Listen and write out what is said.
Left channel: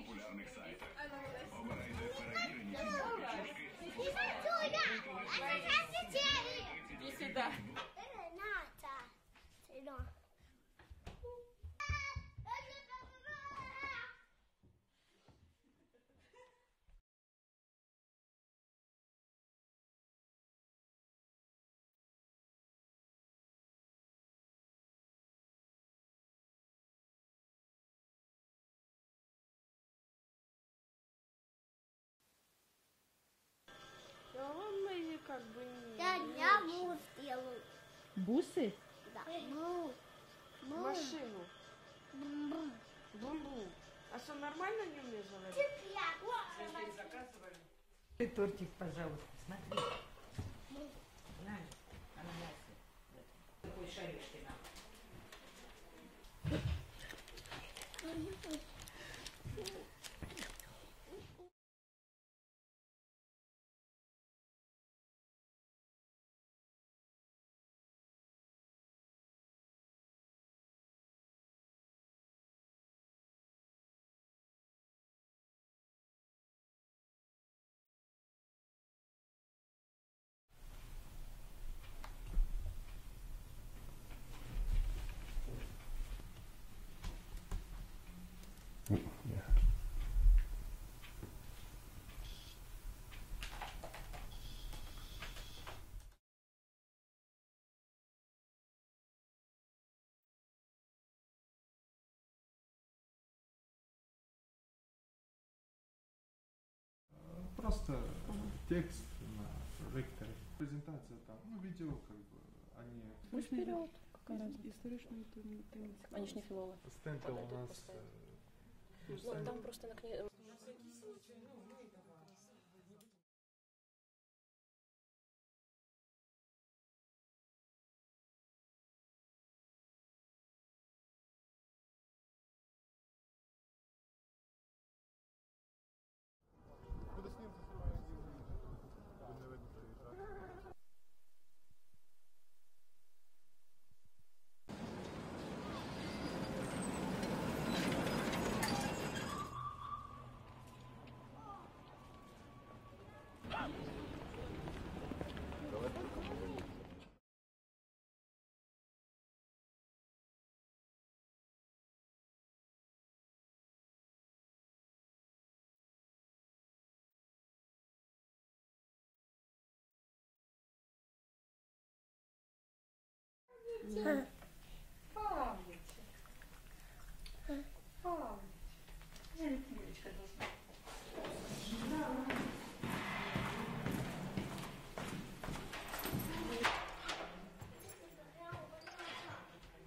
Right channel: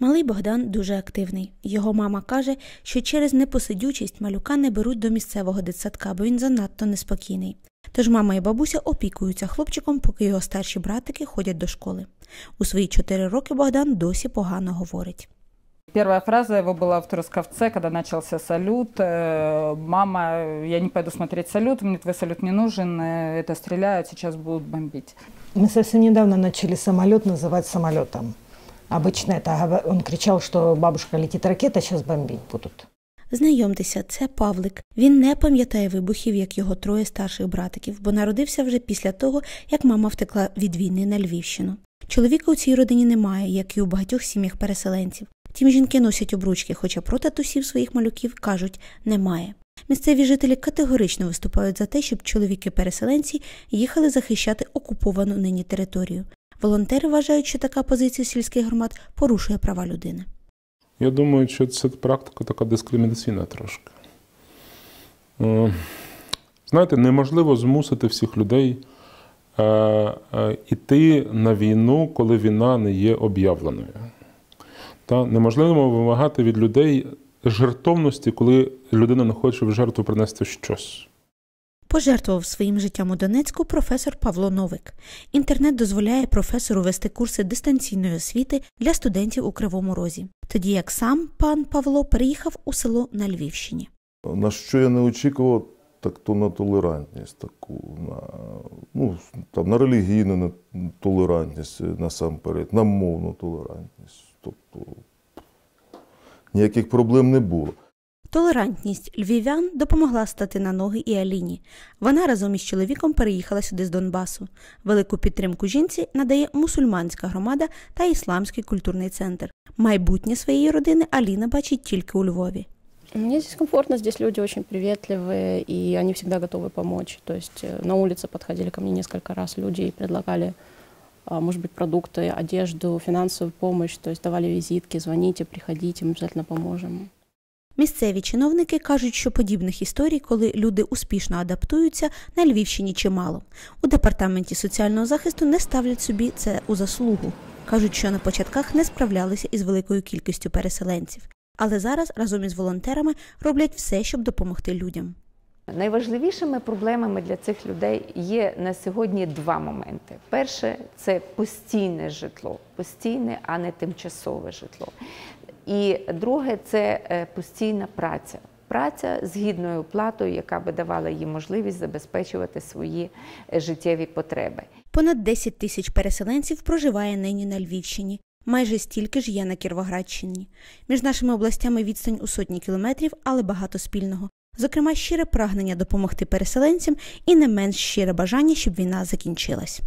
Малий Богдан дуже активний. Його мама каже, що через непосидючість малюка не беруть до місцевого дитсадка, бо він занадто неспокійний. Тож мама і бабуся опікуються хлопчиком, поки його старші братики ходять до школи. У свої чотири роки Богдан досі погано говорить. Первая фраза его была в Трусковце, когда начался салют. Э, «Мама, я не пойду смотреть салют, мне твой салют не нужен, э, это стреляют, сейчас будут бомбить». Мы совсем недавно начали самолет называть самолетом. Обычно это он кричал, что бабушка летит ракета, сейчас бомбить будут. Знайомтеся, це Павлик. Він не пам'ятає вибухів, як його троє старших братиків, бо народився вже після того, як мама втекла від війни на Львівщину. Чоловіка у цій родині немає, як і у багатьох сім'ях переселенців. Тім жінки носять обручки, хоча про татусів своїх малюків кажуть немає. Місцеві жителі категорично виступають за те, щоб чоловіки-переселенці їхали захищати окуповану нині територію. Волонтери вважають, що така позиція сільських громад порушує права людини. Я думаю, що це практика така дискримінаційна трошки. Е, Знаєте, неможливо змусити всіх людей е, е, на війну, коли війна не є об'явленою. Та неможливо вимагати від людей жертовності, коли людина не хоче в жертву принести щось. Пожертвував своїм життям у Донецьку професор Павло Новик. Інтернет дозволяє професору вести курси дистанційної освіти для студентів у Кривому Розі, тоді як сам пан Павло переїхав у село на Львівщині. На що я не очікував, так то на толерантність таку, на, ну, там, на релігійну на толерантність насамперед, на мовну толерантність Тобто ніяких проблем не було. Толерантність львів'ян допомогла стати на ноги і Аліні. Вона разом із чоловіком переїхала сюди з Донбасу. Велику підтримку жінці надає мусульманська громада та ісламський культурний центр. Майбутнє своєї родини Аліна бачить тільки у Львові. Мне здесь комфортно, здесь люди очень приветливые, и они всегда готовы помочь. То есть э, на улице подходили ко мне несколько раз люди и предлагали, а, может быть, продукты, одежду, финансовую помощь, то есть давали визитки, звоните, приходите, мы обязательно поможем. Місцеві чиновники кажуть, що подібних історій, коли люди успішно адаптуються, на Львівщині чимало. У департаменті соціального захисту не ставлять собі це у заслугу. кажуть, що на початках не справлялися із великою кількістю переселенців. Але зараз разом із волонтерами роблять все, щоб допомогти людям. Найважливішими проблемами для цих людей є на сьогодні два моменти. Перше це постійне житло, постійне, а не тимчасове житло. І друге це е, постійна праця. Праця з гідною платою, яка би давала їм можливість забезпечувати свої е, життєві потреби. Понад 10 тисяч переселенців проживає нині на Львівщині. Майже стільки ж є на Кіровоградщині. Між нашими областями відстань у сотні кілометрів, але багато спільного. Зокрема, щире прагнення допомогти переселенцям і не менш щире бажання, щоб війна закінчилась.